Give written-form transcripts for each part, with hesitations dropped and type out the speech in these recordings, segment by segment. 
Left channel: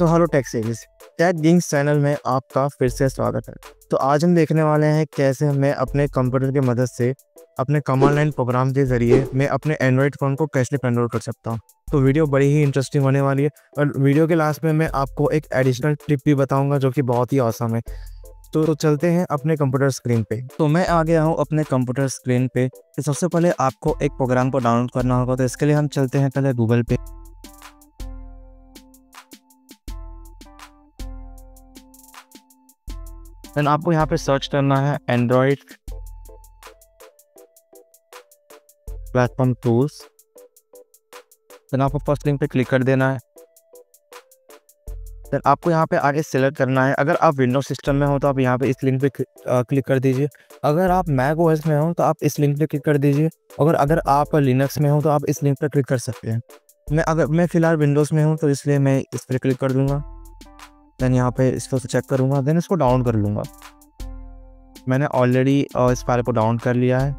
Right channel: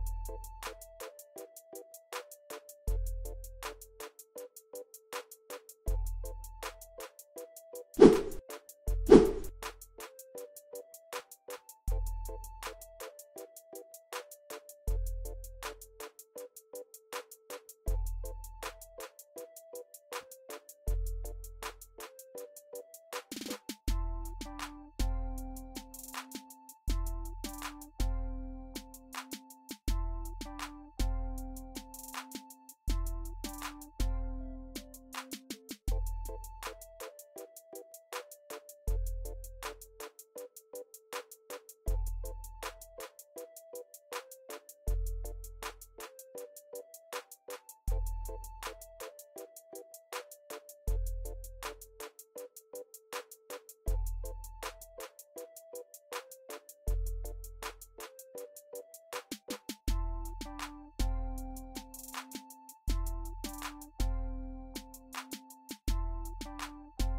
तो hello tech series tech games channel में आपका फिर से स्वागत है। तो आज हम देखने वाले हैं कैसे मैं अपने कंप्यूटर की मदद से अपने कमांड लाइन प्रोग्राम के ज़रिए मैं अपने एंड्रॉयड फ़ोन को कैसे कंट्रोल कर सकता हूं। तो वीडियो बड़ी ही इंटरेस्टिंग होने वाली है और वीडियो के लास्ट में मैं आपको एक एडिशनल टिप भी बताऊंगा जो कि बहुत ही औसम है। तो चलते हैं अपने कंप्यूटर स्क्रीन पे। तो मैं आ गया हूँ अपने कंप्यूटर स्क्रीन पे। तो सबसे पहले आपको एक प्रोग्राम को डाउनलोड करना होगा, तो इसके लिए हम चलते हैं पहले गूगल पे। देन आपको यहाँ पे सर्च करना है एंड्रॉयड प्लेटफॉर्म टूल्स। देन आपको फर्स्ट लिंक पे क्लिक कर देना है। देन आपको यहाँ पे आगे सेलेक्ट करना है। अगर आप विंडोज सिस्टम में हो तो आप यहाँ पे इस लिंक पे क्लिक कर दीजिए। अगर आप मैक ओएस में हो तो आप इस लिंक पे क्लिक कर दीजिए। अगर आप लिनक्स में हो तो आप इस लिंक पे क्लिक कर सकते हैं। मैं फ़िलहाल विंडोज़ में हूँ तो इसलिए मैं इस पर क्लिक कर दूँगा। देन यहाँ पे इसको चेक करूँगा, देन इसको डाउनलोड कर लूँगा। मैंने ऑलरेडी इस फाइल को डाउनलोड कर लिया है।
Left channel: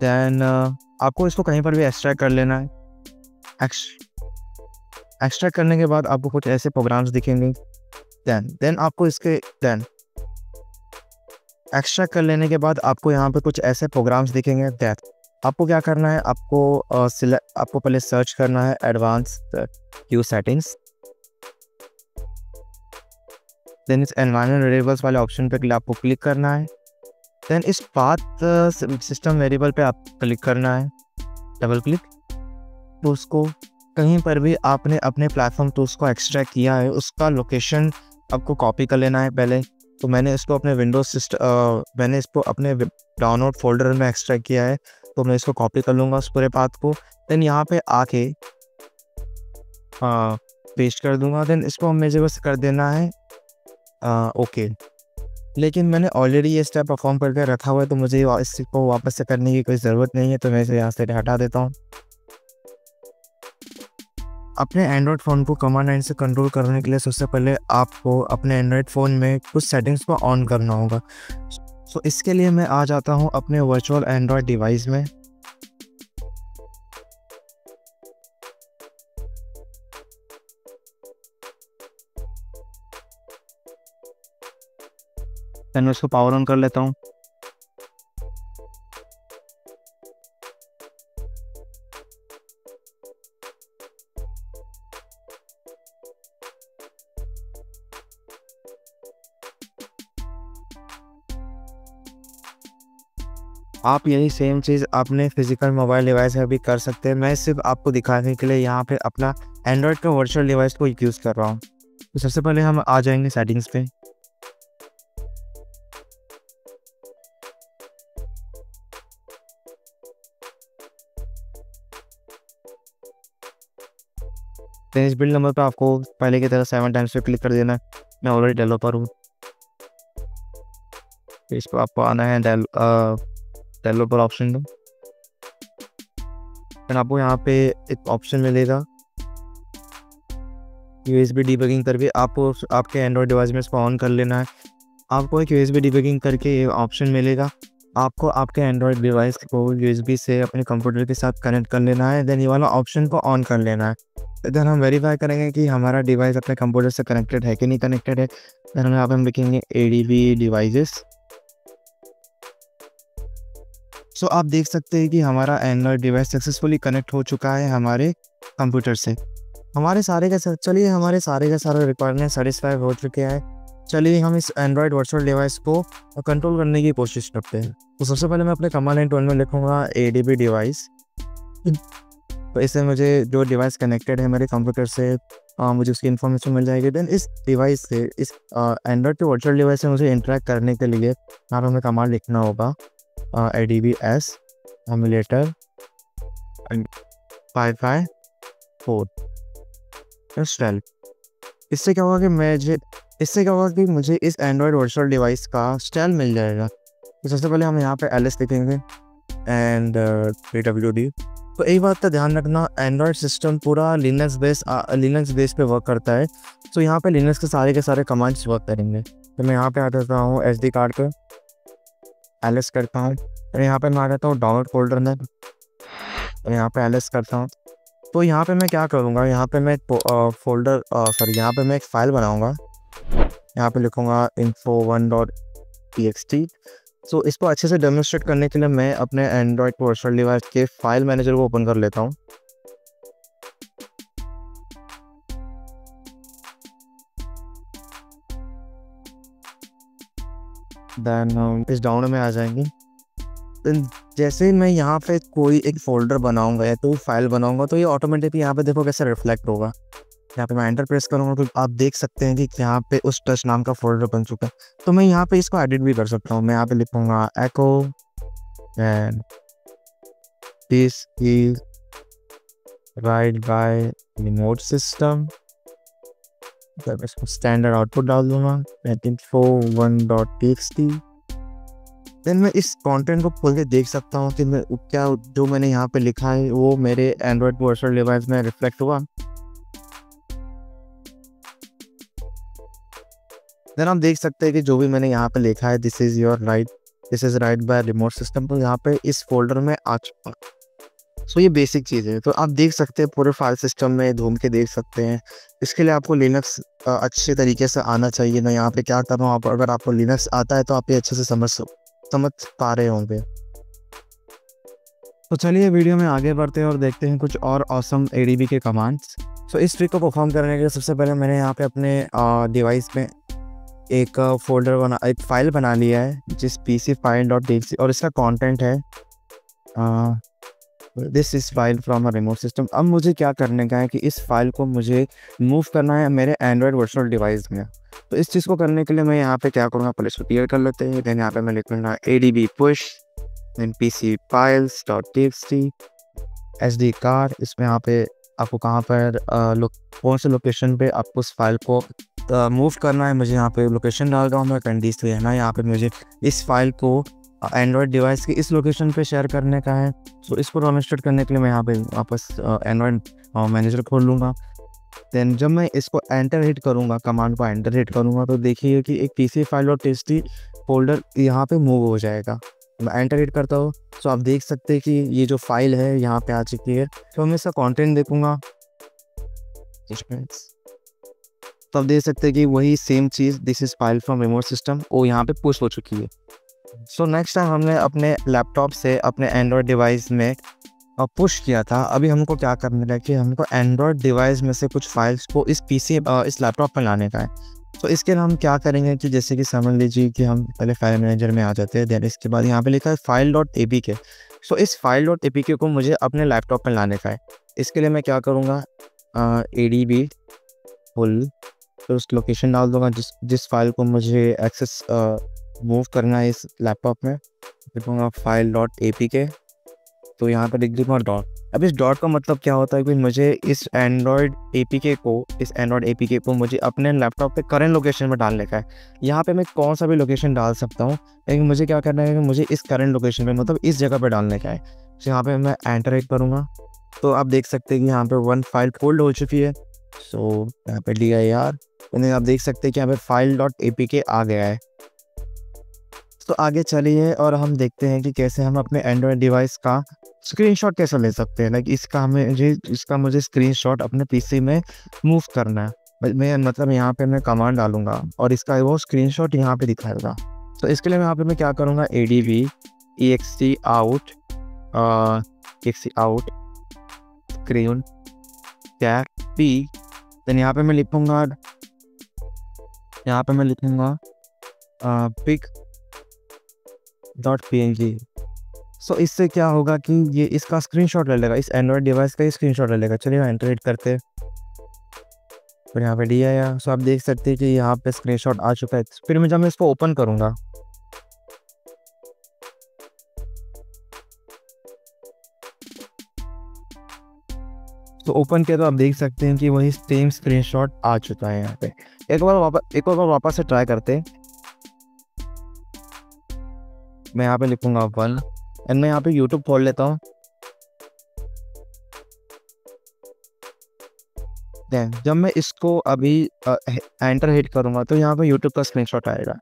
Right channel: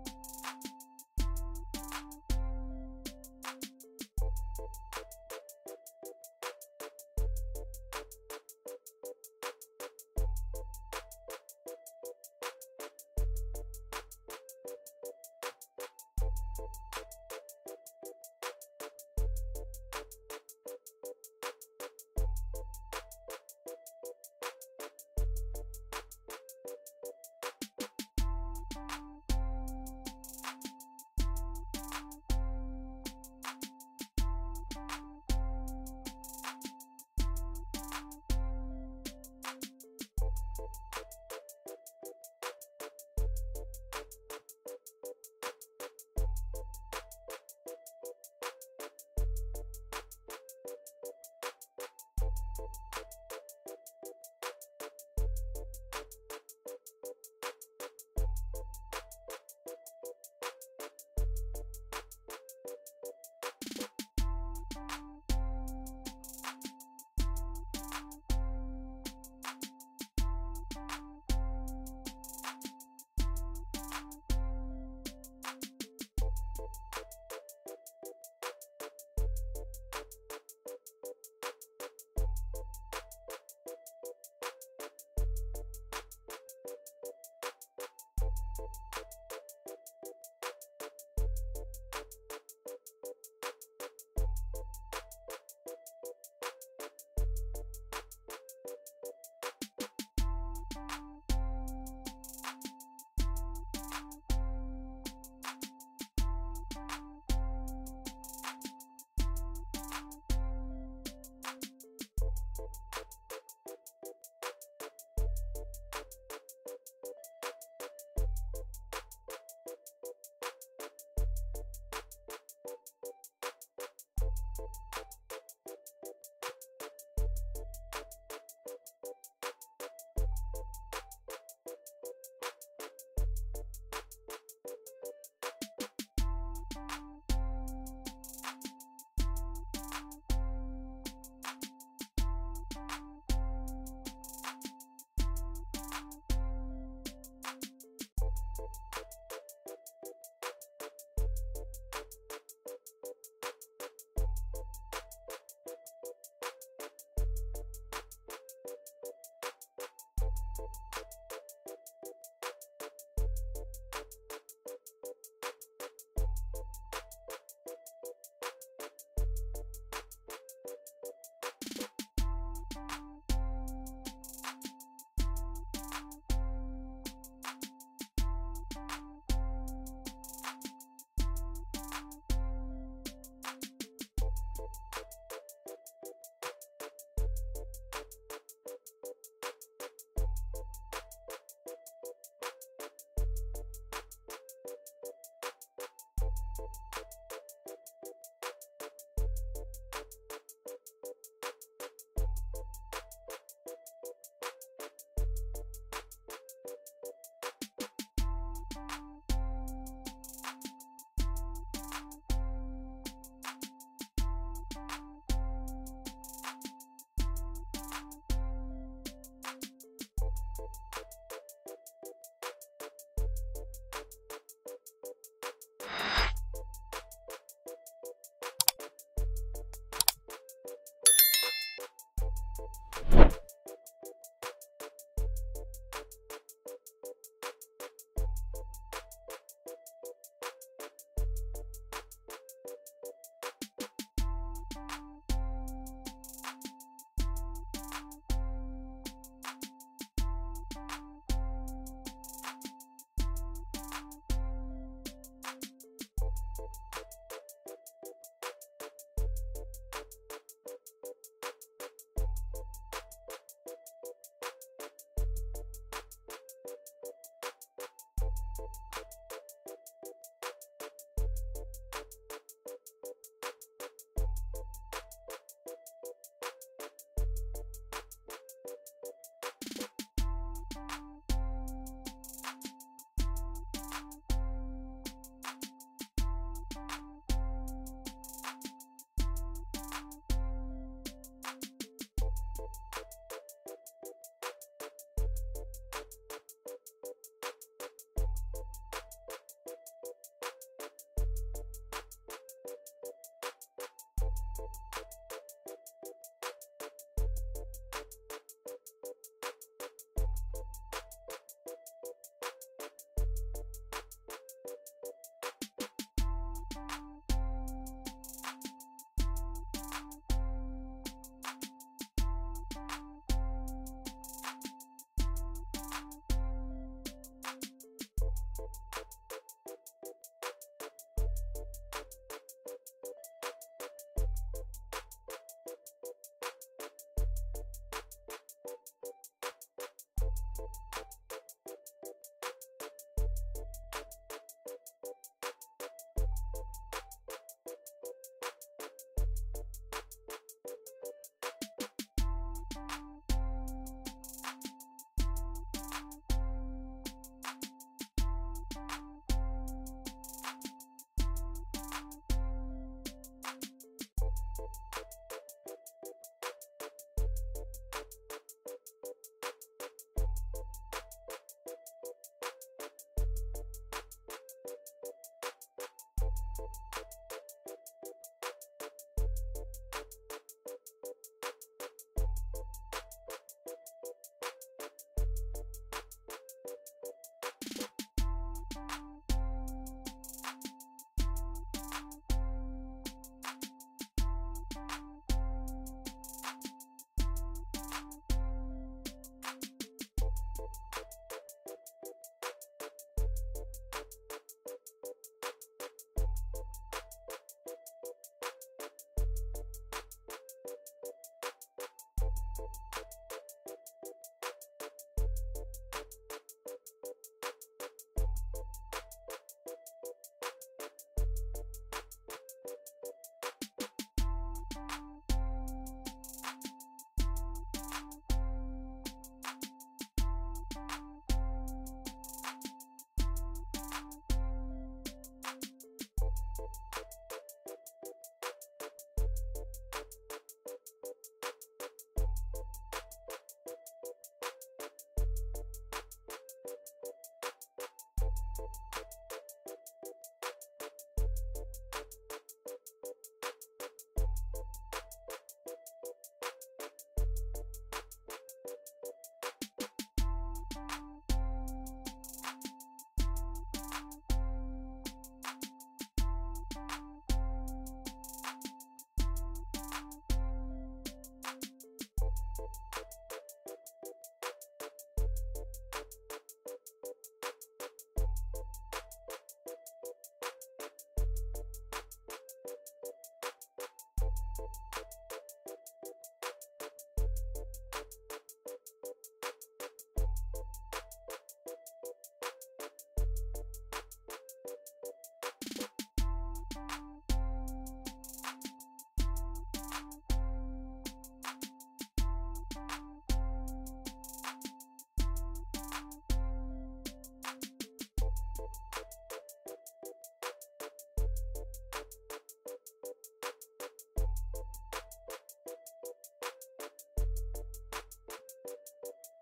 देन आपको इसको कहीं पर भी एक्सट्रैक्ट कर लेना है। एक्सट्रैक्ट करने के बाद आपको कुछ ऐसे प्रोग्राम्स दिखेंगे। देन आपको एक्सट्रैक्ट कर लेने के बाद आपको यहाँ पे कुछ ऐसे प्रोग्राम्स दिखेंगे। आपको क्या करना है, आपको पहले सर्च करना है एडवांस्ड क्यू सेटिंग्स। देन इस एनवायरनमेंट वेरिएबल्स वाले ऑप्शन पे आपको क्लिक करना है। देन इस पाथ सिस्टम वेरिएबल पे आप क्लिक करना है, डबल क्लिक। तो उसको कहीं पर भी आपने अपने प्लेटफॉर्म टूल्स को एक्सट्रैक्ट किया है उसका लोकेशन आपको कॉपी कर लेना है पहले। तो मैंने इसको अपने डाउनलोड फोल्डर में एक्सट्रैक्ट किया है, तो मैं इसको कॉपी कर लूँगा उस पूरे पाथ को। देन यहाँ पे आके पेस्ट कर दूँगा। देन इसको मुझे बस कर देना है ओके। लेकिन मैंने ऑलरेडी ये स्टेप परफॉर्म करके रखा हुआ है, तो मुझे इसको वापस से करने की कोई ज़रूरत नहीं है, तो मैं इसे यहाँ से हटा देता हूँ। अपने एंड्रॉयड फ़ोन को कमांड लाइन से कंट्रोल करने के लिए सबसे पहले आपको अपने एंड्रॉयड फ़ोन में कुछ सेटिंग्स को ऑन करना होगा। सो इसके लिए मैं आ जाता हूँ अपने वर्चुअल एंड्रॉयड डिवाइस में। देन मैं उसको पावर ऑन कर लेता हूँ। आप यही सेम चीज़ अपने फिजिकल मोबाइल डिवाइस में भी कर सकते हैं। मैं सिर्फ आपको दिखाने के लिए यहाँ पे अपना एंड्रॉयड का वर्चुअल डिवाइस को यूज़ कर रहा हूँ। तो सबसे पहले हम आ जाएंगे सेटिंग्स पे। देन इस बिल्ड नंबर पे आपको पहले की तरह 7 टाइम्स पे क्लिक कर देना है। मैं ऑलरेडी डेवलपर हूँ, तो इस पर आपको आना है डेवलपर ऑप्शन में। देन आपको यहाँ पे एक ऑप्शन मिलेगा USB डिबगिंग करके। आपको आपके एंड्रॉयड डिवाइस में इसको ऑन कर लेना है। आपको एक USB डिबगिंग करके ये ऑप्शन मिलेगा। आपको आपके एंड्रॉयड डिवाइस को USB से अपने कंप्यूटर के साथ कनेक्ट कर लेना है। देन ये वाला ऑप्शन को ऑन कर लेना है। देन हम वेरीफाई करेंगे कि हमारा डिवाइस अपने कंप्यूटर से कनेक्टेड है कि नहीं कनेक्टेड है। देन हम यहाँ पे हम लिखेंगे ADB डिवाइसेस। सो आप देख सकते हैं कि हमारा एंड्रॉयड डिवाइस सक्सेसफुली कनेक्ट हो चुका है हमारे कंप्यूटर से। हमारे सारे के सारे रिक्वायरमेंट सेटिस्फाई हो चुके हैं। चलिए हम इस एंड्रॉयड वर्चुअल डिवाइस को कंट्रोल करने की कोशिश करते हैं। तो सबसे पहले मैं अपने कमांड लाइन टूल में लिखूँगा ADB डिवाइस। तो इससे मुझे जो डिवाइस कनेक्टेड है मेरे कंप्यूटर से मुझे उसकी इन्फॉर्मेशन मिल जाएगी। देन इस डिवाइस से इस एंड्रॉयड के वर्चुअल डिवाइस से मुझे इंटरेक्ट करने के लिए यहाँ पर हमें कमांड लिखना होगा ADBS एमुलेटर 554 12। इससे क्या होगा कि मुझे इस एंड्रॉयड वर्चुअल डिवाइस का स्टाइल मिल जाएगा। तो सबसे पहले हम यहाँ पे LS लिखेंगे एंड PWD। तो एक बात का ध्यान रखना, एंड्रॉयड सिस्टम पूरा लिनक्स बेस पे वर्क करता है। तो यहाँ पे लिनक्स के सारे कमांड्स वर्क करेंगे। तो मैं यहाँ पे आ जाता हूँ SD कार्ड पे, LS करता हूँ। तो यहाँ पे मैं आ जाता हूँ डाउनलोड फोल्डर में, तो यहाँ पे LS करता हूँ। तो यहाँ पे मैं क्या करूँगा, यहाँ पे मैं यहाँ पे मैं एक फ़ाइल बनाऊँगा। यहाँ पे लिखूँगा info1.txt। सो इसको अच्छे से डेमोन्स्ट्रेट करने के लिए मैं अपने एंड्रॉयड पर्सनल डिवाइस के फाइल मैनेजर को ओपन कर लेता हूँ। देन हम इस डाउन में आ जाएंगे। देन जैसे ही मैं यहाँ पे कोई एक फ़ोल्डर बनाऊँगा या तो फाइल बनाऊँगा, तो ये ऑटोमेटिकली यहाँ पे देखो कैसे रिफ्लेक्ट होगा। यहाँ पे मैं एंटर प्रेस करूँगा तो आप देख सकते हैं कि यहाँ पे उस टच नाम का फ़ोल्डर बन चुका है। तो मैं यहाँ पे इसको एडिट भी कर सकता हूँ। मैं यहाँ पे लिखूँगा echo and this is write by remote system. तब इसको स्टैंडर्ड आउटपुट डाल दूँगा info1.txt। देन मैं इस कंटेंट को खोल के देख सकता हूँ कि मैं क्या जो मैंने यहाँ पे लिखा है वो मेरे एंड्रॉयड पर्सनल डिवाइस में रिफ्लेक्ट हुआ। देन आप देख सकते हैं कि जो भी मैंने यहाँ पे लिखा है this is write by remote system, तो यहाँ पे इस फोल्डर में आ चुका। सो ये बेसिक चीज़ है। तो आप देख सकते हैं पूरे फाइल सिस्टम में घूम के देख सकते हैं। इसके लिए आपको लिनक्स अच्छे तरीके से आना चाहिए। मैं यहाँ पे क्या कर रहा हूँ, अगर आपको लिनक्स आता है तो आप ये अच्छे से समझ पा रहे होंगे। तो चलिए वीडियो में आगे बढ़ते हैं और देखते हैं कुछ और ऑसम एडीबी के कमांड्स। सो इस ट्रिक को परफॉर्म करने के लिए सबसे पहले मैंने यहाँ पे अपने डिवाइस में एक फ़ाइल बना लिया है जिस pcfile.txt, और इसका कंटेंट है this is file from a remote system. अब मुझे क्या करने का है कि इस फाइल को मुझे मूव करना है मेरे एंड्रॉयड वर्चुअल डिवाइस में। तो इस चीज़ को करने के लिए मैं यहाँ पे क्या करूँगा, पहले इसको क्लियर कर लेते हैं। देन यहाँ पे मैं लिखूँगा adb push then pcfiles.txt sd card. इसमें यहाँ पे आपको कहाँ पर कौन से लोकेशन पे आपको उस फाइल को मूव करना है, मुझे यहाँ पे लोकेशन डाल रहा हूँ मैं कंडीशन लेना है। यहाँ पे मुझे इस फाइल को एंड्रॉयड डिवाइस की इस लोकेशन पे शेयर करने का है। तो इसको डेमोन्स्ट्रेट करने के लिए मैं यहाँ पे वापस एंड्रॉयड मैनेजर खोल लूँगा। देन जब मैं इसको एंटर हिट करूँगा, कमांड को एंटर हिट करूँगा, तो देखिए कि एक pcfile.txt फोल्डर यहाँ पे मूव हो जाएगा। मैं एंटर हिट करता हूँ तो आप देख सकते हैं कि ये जो फाइल है यहाँ पे आ चुकी है। तो मैं इसका कंटेंट देखूँगा तो आप देख सकते हैं कि वही same cheese this is file from remote system वो यहाँ पे पुश हो चुकी है। सो नेक्स्ट टाइम हमने अपने लैपटॉप से अपने एंड्रॉयड डिवाइस में पुश किया था। अभी हमको क्या करना है कि हमको एंड्रॉयड डिवाइस में से कुछ फाइल्स को इस लैपटॉप पर लाने का है। तो इसके लिए हम क्या करेंगे कि जैसे कि समझ लीजिए कि हम पहले फाइल मैनेजर में आ जाते हैं। देन इसके बाद यहाँ पे लिखा है file.apk। सो इस file.apk को मुझे अपने लैपटॉप पर लाने का है। इसके लिए मैं क्या करूँगा, adb फुल तो उस लोकेशन डाल दूँगा जिस फाइल को मुझे एक्सेस मूव करना है इस लैपटॉप में। लिखूँगा file.apk, तो यहाँ पर लिख दूँगा डॉट। अब इस डॉट का मतलब क्या होता है कि मुझे इस एंड्रॉयड एपीके को मुझे अपने लैपटॉप पे करंट लोकेशन में डालने का है। यहाँ पे मैं कौन सा भी लोकेशन डाल सकता हूँ, लेकिन मुझे क्या करना है कि मुझे इस करंट लोकेशन पे मतलब इस जगह पे डालने का है। तो यहाँ पे मैं एंटर हिट करूँगा तो आप देख सकते हैं कि यहाँ पे वन फाइल फोल्ड हो चुकी है। सो यहाँ पे dir यानी आप देख सकते हैं कि यहाँ पे file.apk आ गया है। तो आगे चलिए और हम देखते हैं कि कैसे हम अपने एंड्रॉयड डिवाइस का स्क्रीनशॉट कैसे ले सकते हैं। लाइक इसका मुझे स्क्रीनशॉट अपने पीसी में मूव करना है। मैं मतलब यहाँ पे मैं कमांड डालूंगा और इसका वो स्क्रीनशॉट यहाँ पे दिखाएगा। तो इसके लिए यहाँ पे मैं क्या करूँगा, adb ext out screen cap p। Then यहाँ पे मैं लिखूँगा pic.png। सो इससे क्या होगा कि ये इसका स्क्रीनशॉट ले लेगा, इस एंड्रॉयड डिवाइस का ही स्क्रीनशॉट ले लेगा। चलिए एंटर हिट करते हैं फिर यहाँ पे डी आया। सो आप देख सकते हैं कि यहाँ पे स्क्रीनशॉट आ चुका है। फिर मैं जब मैं इसको ओपन करूँगा तो ओपन किया तो आप देख सकते हैं कि वही सेम स्क्रीनशॉट आ चुका है। यहाँ पे एक बार वापस से ट्राई करते हैं। मैं यहाँ पे लिखूँगा 1 एंड मैं यहाँ पे यूट्यूब खोल लेता हूँ। देन जब मैं इसको अभी एंटर हिट करूँगा तो यहाँ पे यूट्यूब का स्क्रीनशॉट आएगा।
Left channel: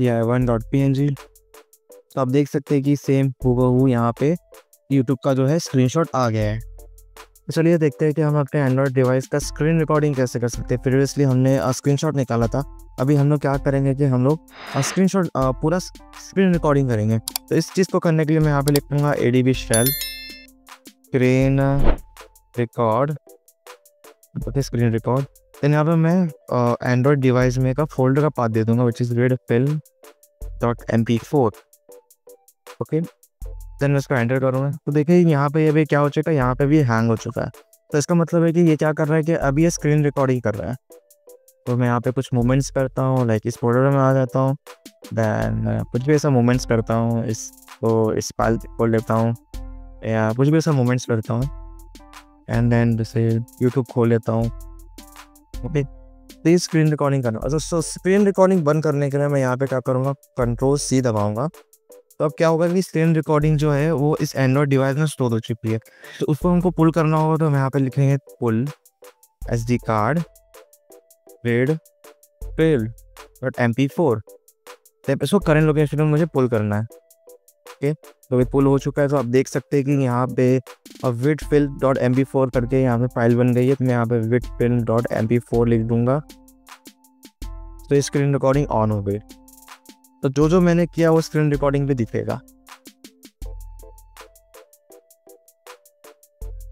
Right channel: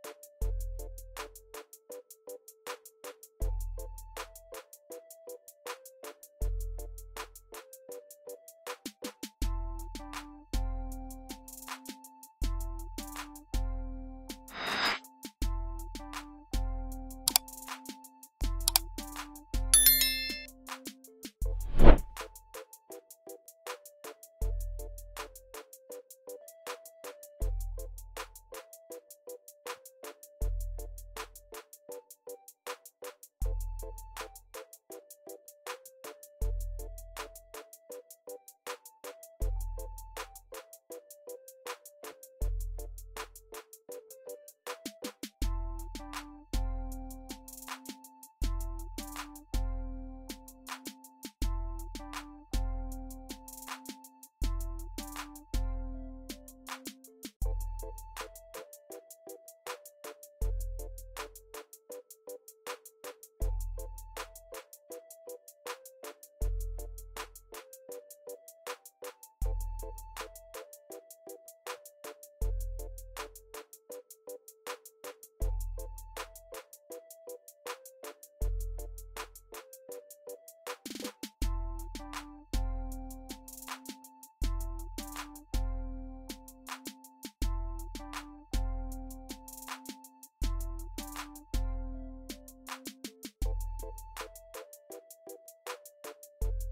यह है 1.png। तो आप देख सकते हैं कि सेम हूबहू यहाँ पे यूट्यूब का जो है स्क्रीनशॉट आ गया है। तो चलिए देखते हैं कि हम अपने एंड्रॉयड डिवाइस का स्क्रीन रिकॉर्डिंग कैसे कर सकते हैं। प्रीवियसली हमने स्क्रीनशॉट निकाला था, अभी हम लोग क्या करेंगे कि हम लोग स्क्रीनशॉट पूरा स्क्रीन रिकॉर्डिंग करेंगे। तो इस चीज़ को करने के लिए मैं यहाँ पे लिखूँगा ADB shell screen record, okay screen record. Then यहाँ पे मैं एंड्रॉयड डिवाइस में का फोल्डर का पाथ दे दूँगा which is redfill.mp4, okay. Then मैं इसको एंटर करूँगा तो देखिए यहाँ पे अभी क्या हो चुका है, यहाँ पे भी हैंग हो चुका है। तो इसका मतलब है कि ये क्या कर रहा है कि अभी ये स्क्रीन रिकॉर्डिंग कर रहा है। तो मैं यहाँ पे कुछ मूवमेंट्स करता हूँ, लाइक इस फोल्डर में आ जाता हूँ, देन कुछ भी ऐसा मूवमेंट्स करता हूँ, इसको इस फाइल खोल लेता हूँ या कुछ भी ऐसा मूवमेंट्स करता हूँ, एंड देन जैसे यूट्यूब खोल लेता हूँ, ओके। तो ये स्क्रीन रिकॉर्डिंग करना। सो स्क्रीन रिकॉर्डिंग बंद करने के लिए मैं यहाँ पे क्या करूँगा, Ctrl+C दबाऊँगा। तो अब क्या होगा कि स्क्रीन रिकॉर्डिंग जो है वो इस एंड्रॉयड डिवाइस में स्टोर हो चुकी है। तो उसको हमको पुल करना होगा, तो हम यहाँ पे लिखेंगे पुल SD कार्ड redfill.mp4। तो इसको करंट लोकेशन में मुझे पुल करना है, ओके। तो ये पुल हो चुका है। तो आप देख सकते हैं कि यहाँ पे redfill.mp4 करके यहाँ पे फाइल बन गई है। तो मैं यहाँ पे redfill.mp4 लिख दूंगा। तो स्क्रीन रिकॉर्डिंग ऑन हो गई। तो जो मैंने किया वो स्क्रीन रिकॉर्डिंग पे दिखेगा।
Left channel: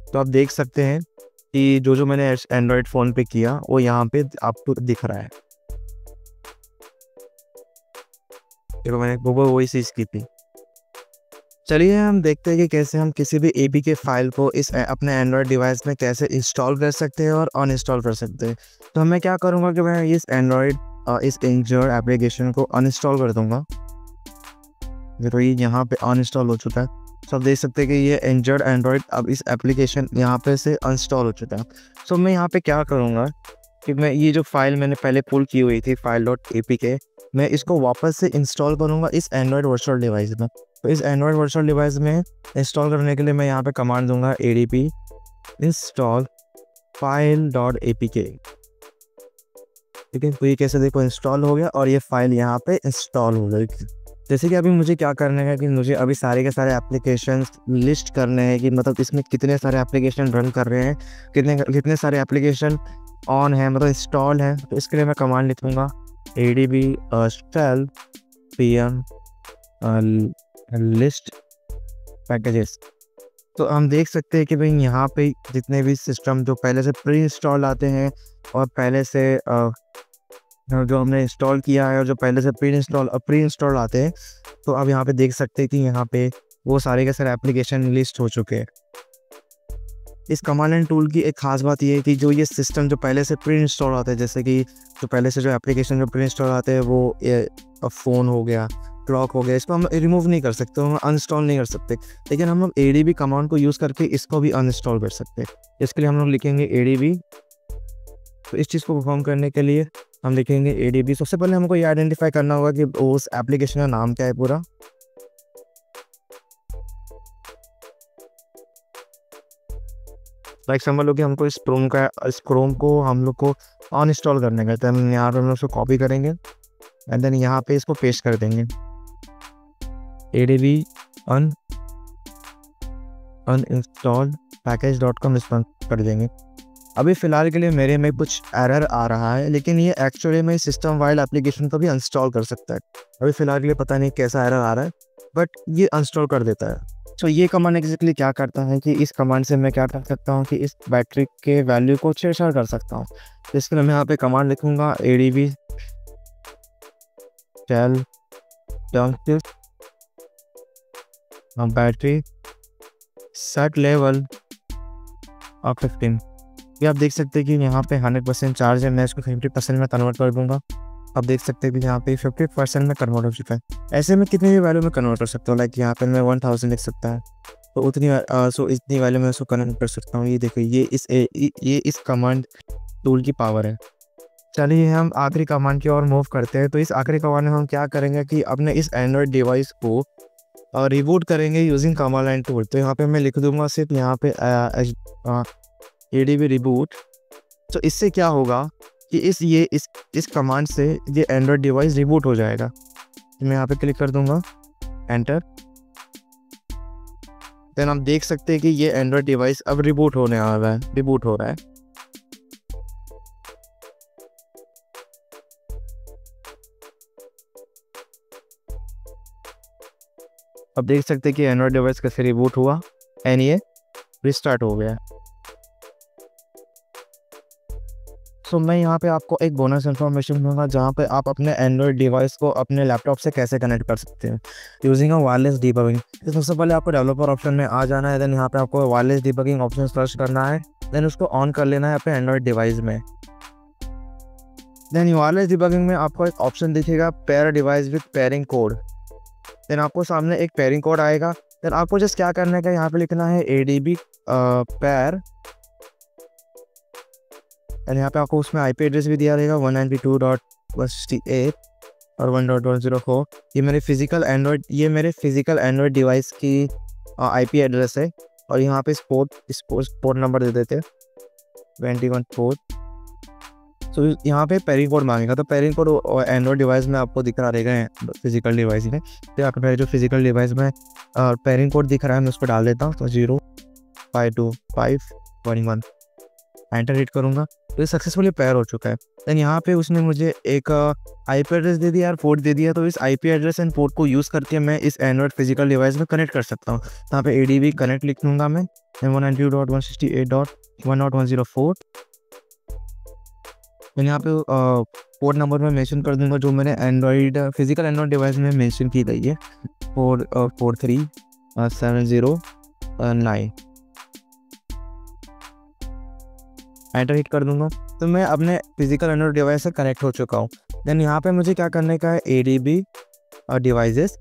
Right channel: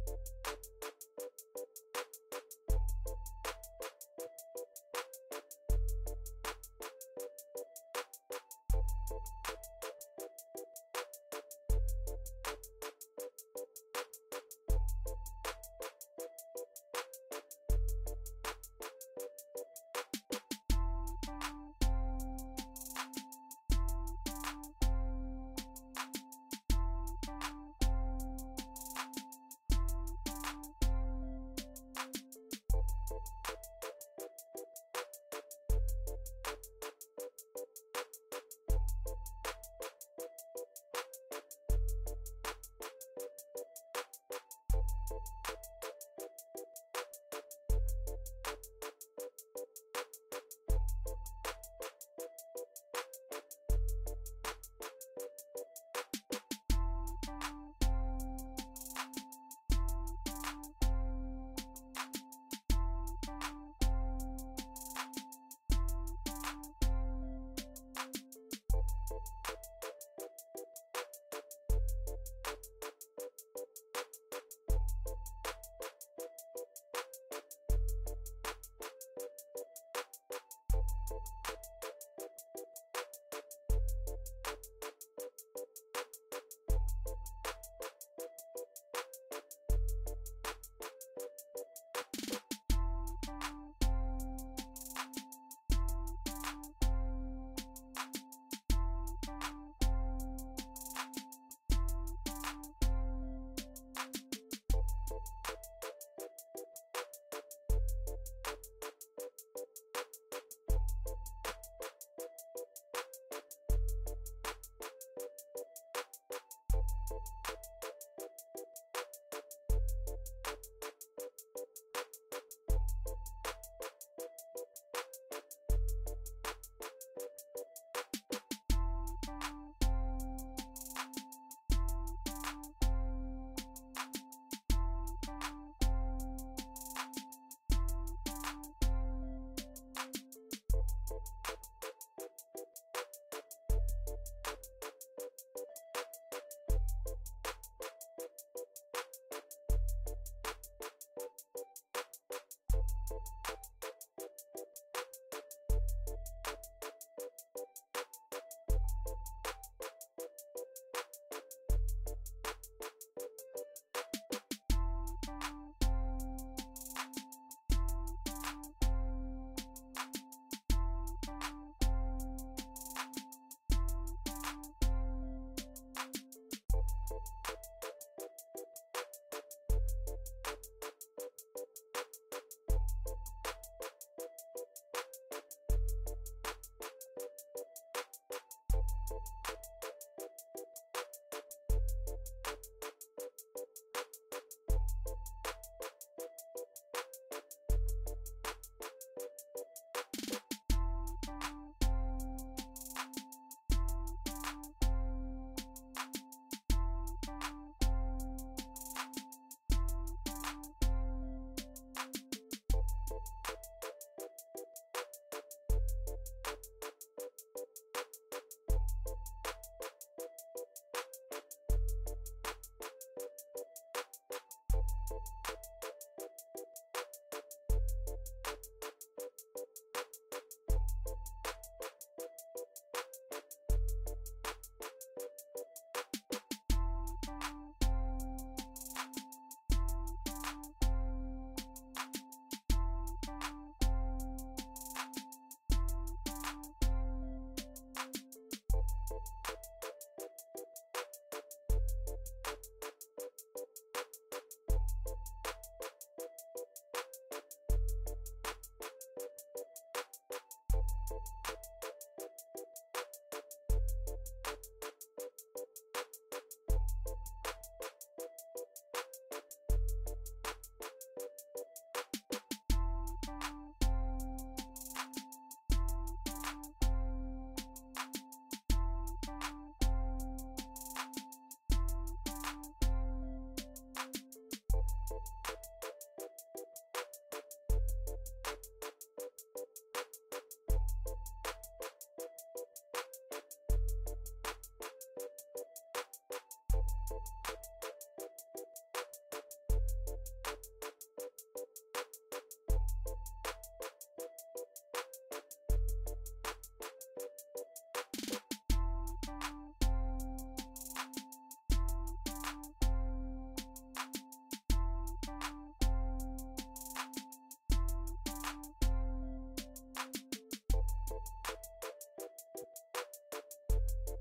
तो आप देख सकते हैं कि जो मैंने एंड्रॉयड फ़ोन पे किया वो यहाँ पे आपको दिख रहा है। देखो मैंने वही चीज़ की थी। चलिए हम देखते हैं कि कैसे हम किसी भी APK फाइल को इस अपने एंड्रॉयड डिवाइस में कैसे इंस्टॉल कर सकते हैं और अनइंस्टॉल कर सकते हैं। तो मैं क्या करूँगा कि मैं इस इस इंजर्ड एप्लीकेशन को अनइंस्टॉल कर दूँगा। देखो ये यहाँ पे अनइंस्टॉल हो चुका है। तो आप देख सकते हैं कि ये इंजर्ड एंड्रॉयड अब इस एप्लीकेशन यहाँ पे से अनइंस्टॉल हो चुका है। सो मैं यहाँ पे क्या करूँगा कि मैं ये जो फाइल मैंने पहले पुल की हुई थी file.apk, मैं इसको वापस से इंस्टॉल करूँगा इस एंड्रॉयड वर्चुअल डिवाइस में। तो इस एंड्रॉयड वर्चुअल डिवाइस में इंस्टॉल करने के लिए मैं यहाँ पे कमांड दूंगा ADB install file.apk, ठीक है। तो ये कैसे देखो इंस्टॉल हो गया और ये फाइल यहाँ पे इंस्टॉल हो गई। जैसे कि अभी मुझे क्या करना है कि मुझे अभी सारे के सारे एप्लीकेशन लिस्ट करने हैं कि मतलब इसमें कितने सारे एप्लीकेशन रन कर रहे हैं, कितने सारे एप्लीकेशन ऑन है, मतलब इंस्टॉल है। तो इसके लिए मैं कमांड लिखूँगा ADB shell pm list packages. तो हम देख सकते हैं कि भाई यहाँ पे जितने भी सिस्टम जो पहले से प्री इंस्टॉल आते हैं और पहले से जो हमने इंस्टॉल किया है और जो पहले से प्री इंस्टॉल आते हैं, तो अब यहाँ पे देख सकते हैं कि यहाँ पे वो सारे के सारे एप्लीकेशन लिस्ट हो चुके हैं। इस कमांड एंड टूल की एक खास बात ये है कि जो ये सिस्टम जो पहले से प्री इंस्टॉल आते हैं, जैसे कि जो पहले से जो एप्लीकेशन जो प्री इंस्टॉल आते हैं वो फ़ोन हो गया, क्लॉक हो गया, इसको हम रिमूव नहीं कर सकते, हम अनइंस्टॉल नहीं कर सकते। लेकिन हम लोग ADB कमांड को यूज़ करके इसको भी अनइंस्टॉल कर सकते हैं। इसके लिए हम लोग लिखेंगे ADB। तो इस चीज़ को परफॉर्म करने के लिए हम लिखेंगे ADB। सबसे पहले हमको ये आइडेंटिफाई करना होगा कि उस एप्लीकेशन का नाम क्या है पूरा। लाइक समझ लो कि हमको इस क्रोम को हम लोग को अनइंस्टॉल करने का, तो हम यहाँ पर हम लोग उसको कॉपी करेंगे एंड देन यहाँ पे इसको पेस्ट कर देंगे ADB uninstall package.com इस पर कर देंगे। अभी फ़िलहाल के लिए मेरे में कुछ एरर आ रहा है, लेकिन ये एक्चुअली में सिस्टम वाइड एप्लीकेशन को भी इंस्टॉल कर सकता है। अभी फ़िलहाल के लिए पता नहीं कैसा एरर आ रहा है, बट ये इंस्टॉल कर देता है। तो ये कमांड एग्जैक्टली क्या करता है कि इस कमांड से मैं क्या कर सकता हूँ कि इस बैटरी के वैल्यू को छेड़छाड़ कर सकता हूँ। तो इसके लिए मैं यहाँ पे कमांड लिखूँगा ADB shell battery set level of 15। ये आप देख सकते हैं कि यहाँ पे 100% चार्ज है, मैं इसको 50% में कन्वर्ट कर दूंगा। आप देख सकते हैं कि यहाँ पे 50% में कन्वर्ट हो चुका है। ऐसे में कितनी भी वैल्यू में कन्वर्ट कर सकता हूँ, लाइक यहाँ पे मैं 1000 लिख सकता है, तो इतनी वैल्यू में उसको कन्वर्ट कर सकता हूँ। ये देखो ये इस कमांड टूल की पावर है। चलिए हम आखिरी कमांड की ओर मूव करते हैं। तो इस आखिरी कमांड में हम क्या करेंगे कि अपने इस एंड्रॉयड डिवाइस को रिबूट करेंगे यूजिंग कमांड लाइन टूल। तो यहाँ पे मैं लिख दूंगा सिर्फ यहाँ पे ADB रिबूट। तो इससे क्या होगा कि इस कमांड से ये एंड्रॉयड डिवाइस रिबूट हो जाएगा। तो मैं यहाँ पे क्लिक कर दूंगा एंटर। देन आप देख सकते हैं कि ये एंड्रॉयड डिवाइस अब रिबूट होने आ रहा है, रिबूट हो रहा है। अब देख सकते हैं कि एंड्रॉयड डिवाइस कैसे रिबूट हुआ एंड ये रिस्टार्ट हो गया। तो मैं यहाँ पे आपको एक बोनस इन्फॉर्मेशन दूंगा जहाँ पे आप अपने एंड्रॉयड डिवाइस को अपने लैपटॉप से कैसे कनेक्ट कर सकते हैं यूजिंग अ वायरलेस डीबगिंग। तो सबसे पहले आपको डेवलपर ऑप्शन में आ जाना है, देन यहाँ पे आपको वायरलेस डीबगिंग ऑप्शन सर्च करना है, देन उसको ऑन कर लेना है अपने एंड्रॉयड डिवाइस में। देन वायरलेस डीबगिंग में आपको एक ऑप्शन दिखेगा pair device with pairing code. Then आपको सामने एक पेयरिंग कोड आएगा। देन आपको जस्ट क्या करने का यहाँ पे लिखना है ADB पेयर, एंड यहाँ पे आपको उसमें IP एड्रेस भी दिया रहेगा 192.168 और 1.104। ये मेरे फिजिकल एंड्रॉयड डिवाइस की IP एड्रेस है। और यहाँ पे पोर्ट नंबर दे देते हैं 21 पोर्ट। तो यहाँ पे पेयरिंग कोड मांगेगा, तो पेयरिंग कोड एंड्रॉयड डिवाइस में आपको दिख रहा रहेगा फिजिकल डिवाइस में। तो यहाँ पे जो फिजिकल डिवाइस में पेयरिंग कोड दिख रहा है मैं उस पर डाल देता हूँ, तो 052511 एंटर हिट करूँगा तो ये सक्सेसफुली पेयर हो चुका है। देन यहाँ पे उसने मुझे एक IP एड्रेस दे दिया और पोर्ट दे दिया, तो इस IP एड्रेस एंड पोर्ट को यूज़ करके मैं इस एंड्रॉयड फिजिकल डिवाइस में कनेक्ट कर सकता हूँ। यहाँ पे ADB कनेक्ट लिख दूँगा मैं 192.168.1.104। मैंने यहाँ पे पोर्ट नंबर में मेंशन कर दूँगा जो मैंने फिजिकल एंड्रॉयड डिवाइस में मेंशन की गई है 43709। एंटर हिट कर दूंगा तो मैं अपने फिजिकल एंड्रॉयड डिवाइस से कनेक्ट हो चुका हूँ। देन यहाँ पे मुझे क्या करने का है ADB डिवाइसेस।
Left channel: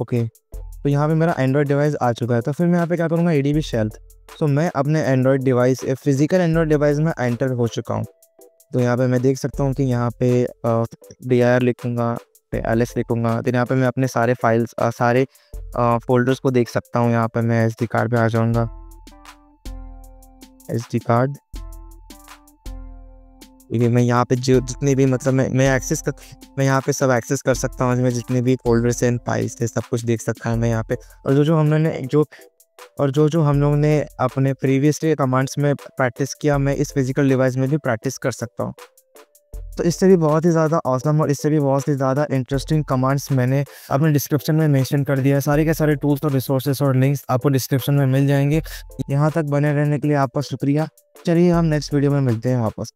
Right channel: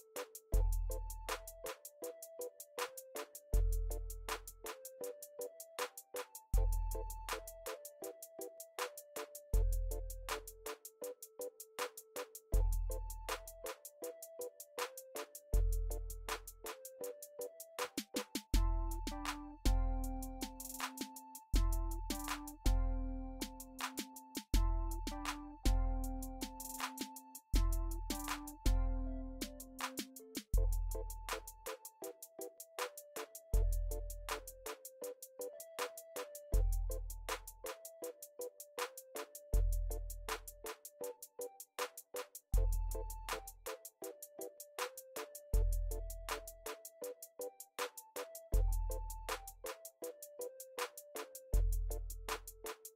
ओके, तो यहाँ पे मेरा एंड्रॉयड डिवाइस आ चुका है। तो फिर मैं यहाँ पे क्या करूँगा ADB शेल। तो मैं अपने Android device physical Android device में एंटर हो चुका हूँ। तो यहाँ पे मैं देख सकता हूँ कि यहाँ पे dir लिखूँगा, ls लिखूँगा। तो यहाँ पे मैं अपने सारे फाइल्स सारे फोल्डर्स को देख सकता हूँ। यहाँ पे मैं SD कार्ड पे आ जाऊँगा, SD कार्ड। क्योंकि मैं यहाँ पे जो जितने भी मतलब मैं यहाँ पे सब एक्सेस कर सकता हूँ। मैं जितने भी फोल्डर्स एंड फाइल्स थे सब कुछ देख सकता हूँ मैं यहाँ पे। और जो हम लोगों ने अपने प्रीवियस कमांड्स में प्रैक्टिस किया मैं इस फिजिकल डिवाइस में भी प्रैक्टिस कर सकता हूँ। तो इससे भी बहुत ही ज़्यादा ऑसम और इससे भी बहुत ही ज़्यादा इंटरेस्टिंग कमांड्स मैंने अपने डिस्क्रिप्शन में मेंशन कर दिया है। सारे के सारे टूल्स और रिसोर्सेस और लिंक्स आपको डिस्क्रिप्शन में मिल जाएंगे। यहाँ तक बने रहने के लिए आपका शुक्रिया। चलिए हम नेक्स्ट वीडियो में मिलते हैं वापस।